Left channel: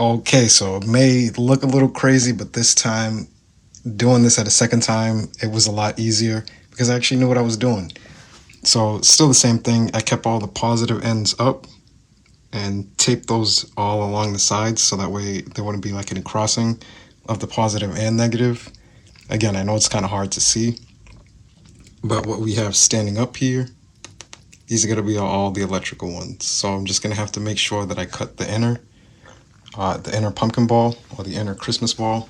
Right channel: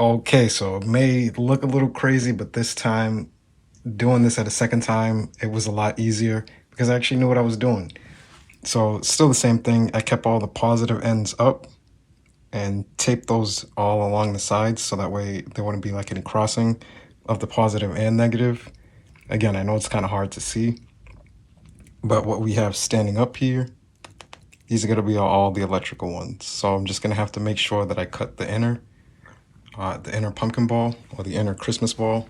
Okay, so it may look a little crazy, but this time, doing this at a second time, it was a lot easier because I actually knew what I was doing. So still the same thing. I kept all the positive ends up and taped those all along the sides so that way there wouldn't be like any crossing of the positive and negative. Again, I know it's kind of hard to see, but what we have standing up here, these are going to be all the electrical ones. So I'm just going to have to make sure that I cut the inner pumpkin ball or the inner Christmas ball.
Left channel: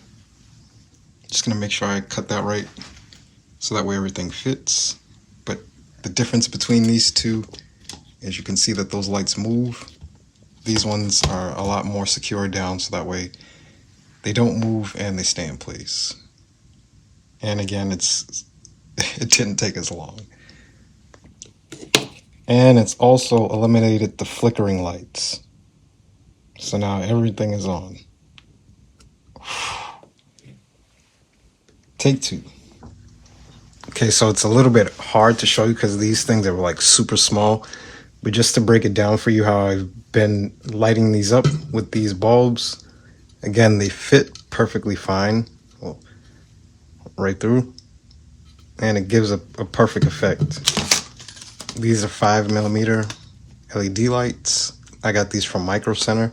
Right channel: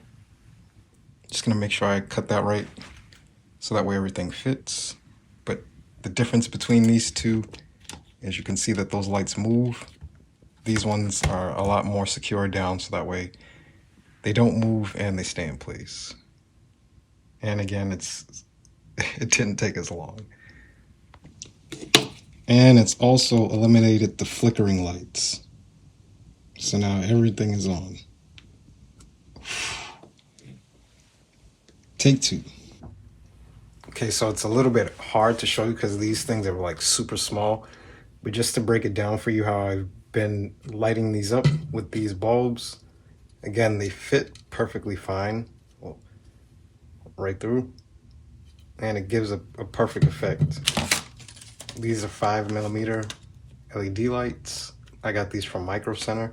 Just going to make sure I cut that right so that way everything fits. But the difference between these two is you can see that those lights move. These ones are a lot more secure down so that way they don't move and they stay in place. And again, it didn't take as long. And it's also eliminated the flickering lights. So now everything is on. Take two. Okay, so it's a little bit hard to show you because these things are like super small. But just to break it down for you how I've been lighting these up with these bulbs. Again, they fit perfectly fine. Well, right through. And it gives a perfect effect. These are 5mm LED lights. I got these from Micro Center.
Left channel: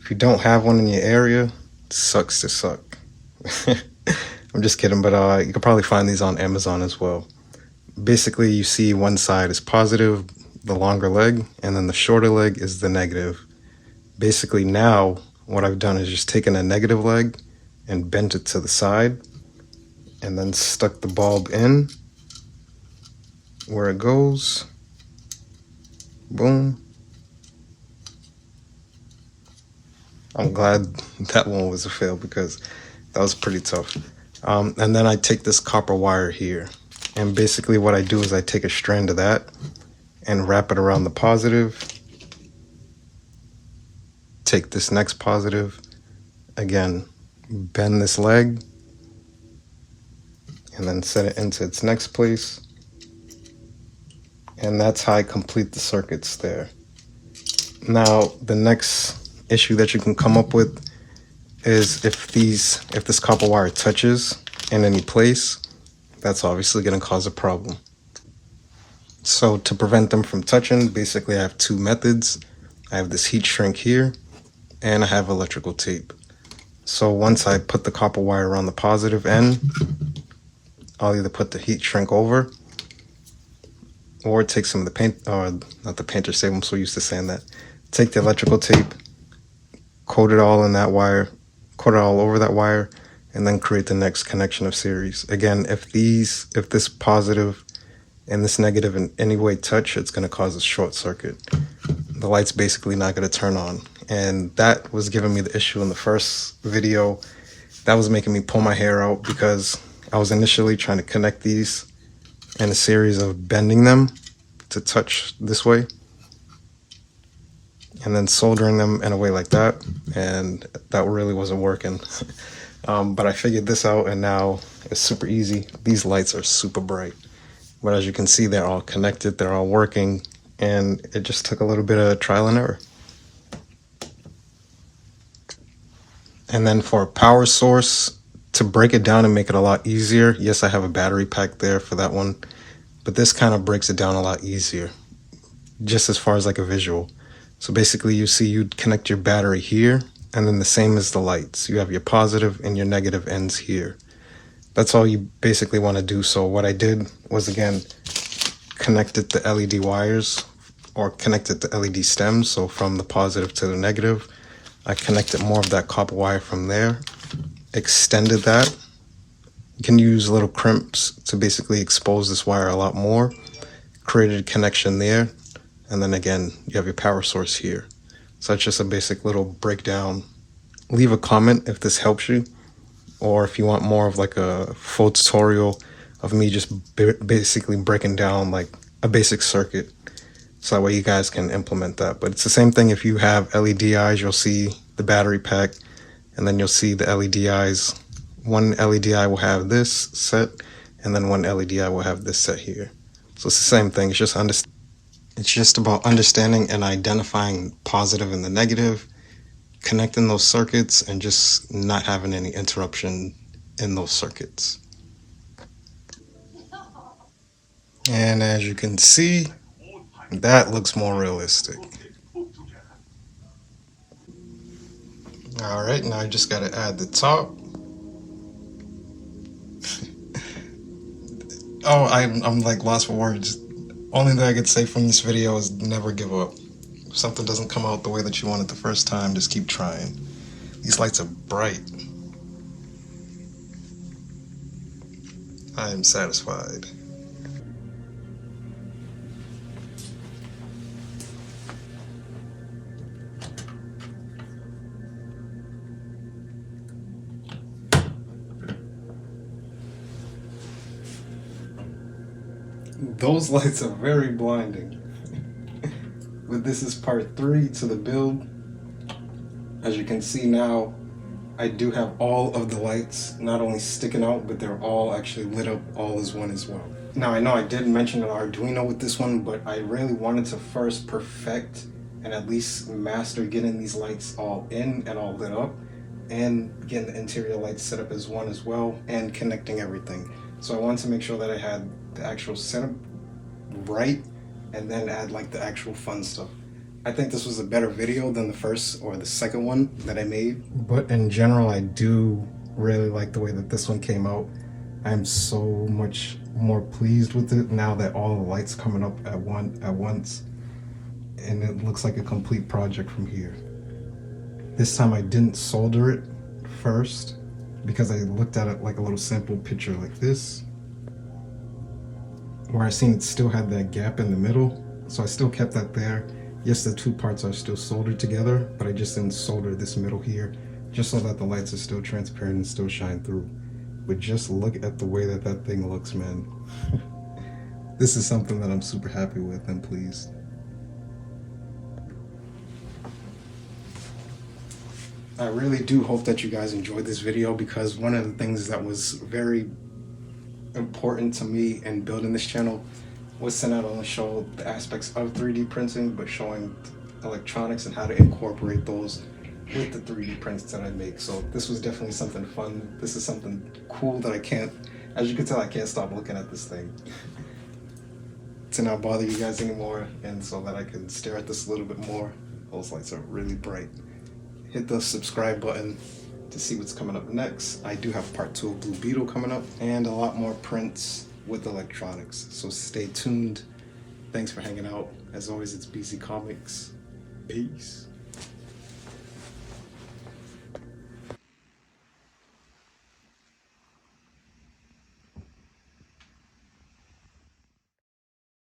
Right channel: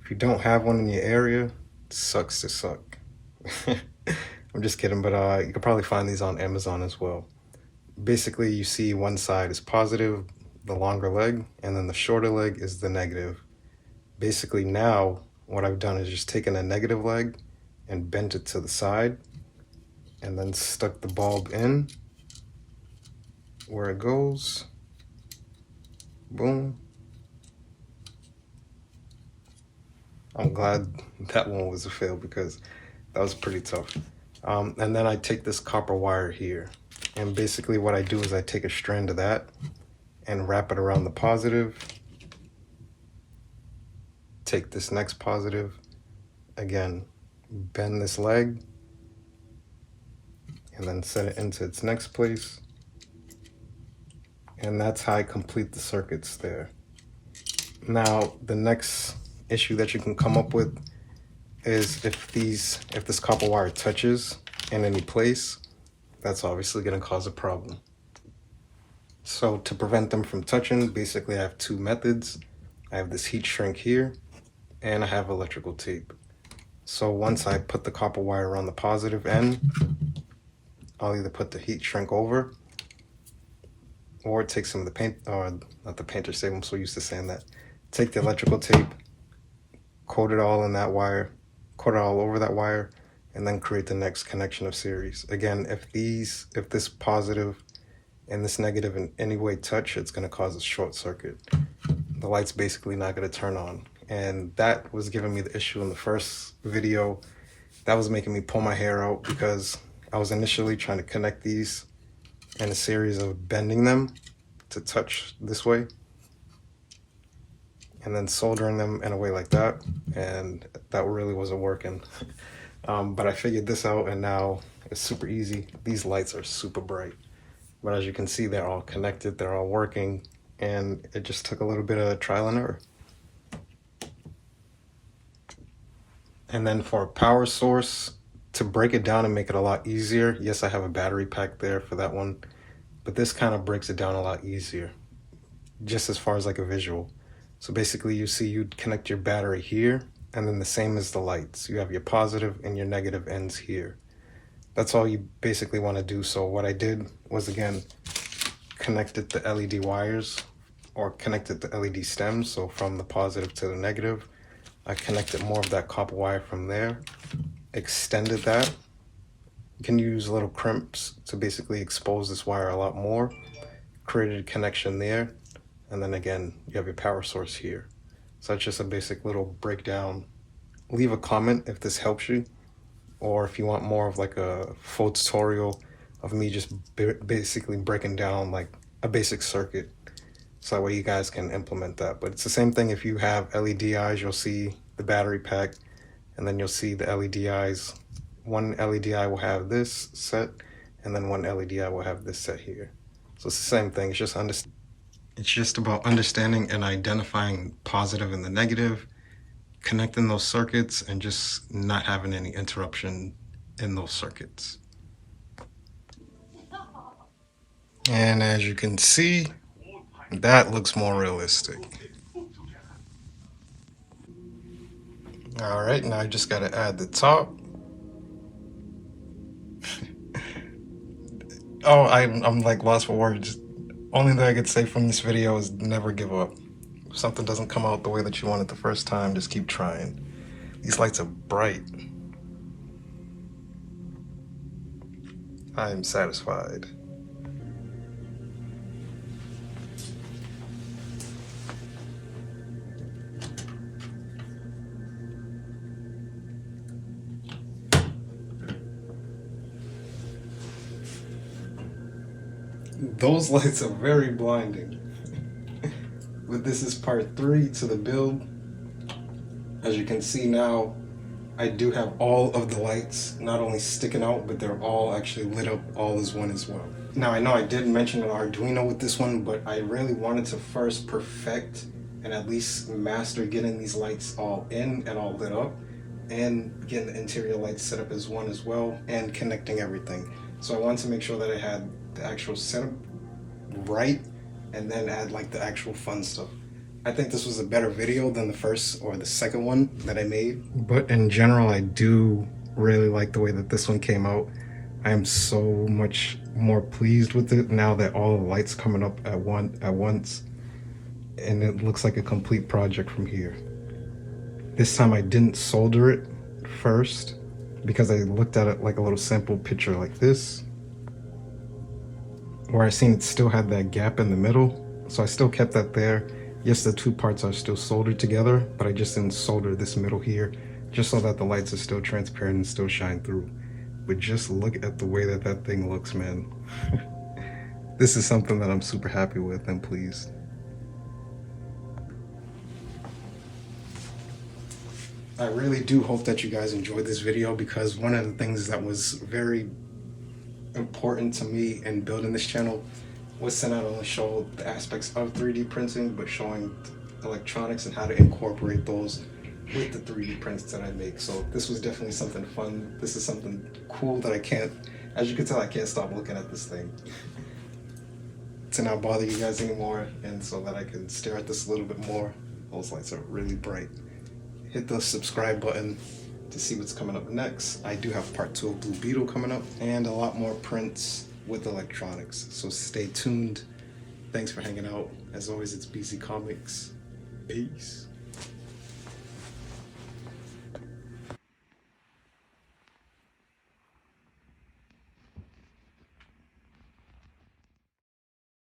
If you don't have one in your area, it sucks to suck. I'm just kidding, but you can probably find these on Amazon as well. Basically, you see one side is positive, the longer leg, and then the shorter leg is the negative. Basically now, what I've done is just taken a negative leg and bent it to the side, and then stuck the bulb in where it goes. Boom. I'm glad that one was a fail because that was pretty tough. And then I take this copper wire here, and basically what I do is I take a strand of that and wrap it around the positive. Take this next positive, again, bend this leg, and then set it into its next place. And that's how I complete the circuits there. Now, the next issue that you can come up with is if this copper wire touches in any place, that's obviously going to cause a problem. So to prevent them from touching, basically I have two methods. I have this heat shrink here, and I have electrical tape. So once I put the copper wire around the positive end, I'll either put the heat shrink over, or take some of the paint, or not the painter's tape, I'm so used to saying that. Take the electrical tape, coat it all in that wire, coat it all over that wire, and then create the next connection of series. Again, if this positive and this negative in any way touch, it's going to cause a short circuit. The light's basically not going to turn on. And that was giving me the issue in the first video. That was making me pull my hair out because I was initially trying to connect these in a series of bending them to touch this way, and then soldering them in a way like that, and that really wasn't working. But I figured this out, and now it's super easy. These lights are super bright, but as you can see, they're all connected, they're all working, and it just took a little bit of trial and error. And then for a power source, to break it down and make it a lot easier, yes, I have a battery pack there for that one, but this kind of breaks it down a lot easier, just as far as like a visual. So basically you see you'd connect your battery here, and then the same as the lights. You have your positive and your negative ends here. That's all you basically want to do. So what I did was, again, connected the LED wires, or connected the LED stems. So from the positive to the negative, I connected more of that copper wire from there, extended that. You can use little crimps to basically expose this wire a lot more, created a connection there, and then again, you have your power source here. So that's just a basic little breakdown. Leave a comment if this helps you, or if you want more of like a full tutorial of me just basically breaking down like a basic circuit, so that way you guys can implement that. But it's the same thing if you have LED eyes, you'll see the battery pack, and then you'll see the LED eyes. One LED eye will have this set, and then one LED eye will have this set here. So it's the same thing, it's just about understanding and identifying positive and the negative, connecting those circuits and just not having any interruption in those circuits. And as you can see, that looks more realistic. All right, now I just got to add the top. Oh, I'm like lost for words. Only thing I could say from this video is never give up. If something doesn't come out the way that you want it the first time, just keep trying. These lights are bright. I am satisfied. Those lights are very blinding. But this is part 3 to the build. As you can see now, I do have all of the lights not only sticking out, but they're all actually lit up all as one as well. Now I know I did mention an Arduino with this one, but I really wanted to first perfect and at least master getting these lights all in and all lit up, and getting the interior lights set up as one as well, and connecting everything. So I wanted to make sure that I had the actual setup right, and then add like the actual fun stuff. I think this was a better video than the first or the second one that I made. But in general, I do really like the way that this one came out. I am so much more pleased with it now that all the lights coming up at once. And it looks like a complete project from here. This time I didn't solder it first because I looked at it like a little sample picture like this, where I seen it still had that gap in the middle. So I still kept that there. Yes, the two parts are still soldered together, but I just didn't solder this middle here, just so that the lights are still transparent and still shine through. But just look at the way that that thing looks, man. This is something that I'm super happy with and pleased. I really do hope that you guys enjoyed this video, because one of the things that was very important to me in building this channel was to not only show the aspects of 3D printing, but showing electronics and how to incorporate those with the 3D prints that I make. So this was definitely something fun. This is something cool that I can't, as you can tell, I can't stop looking at this thing. To not bother you guys anymore, and so that I can stare at this a little bit more. Those lights are really bright. Hit the subscribe button to see what's coming up next. I do have part 2 of Blue Beetle coming up, and a lot more prints with electronics, so stay tuned. Thanks for hanging out. As always, it's Beezy Comics. Peace.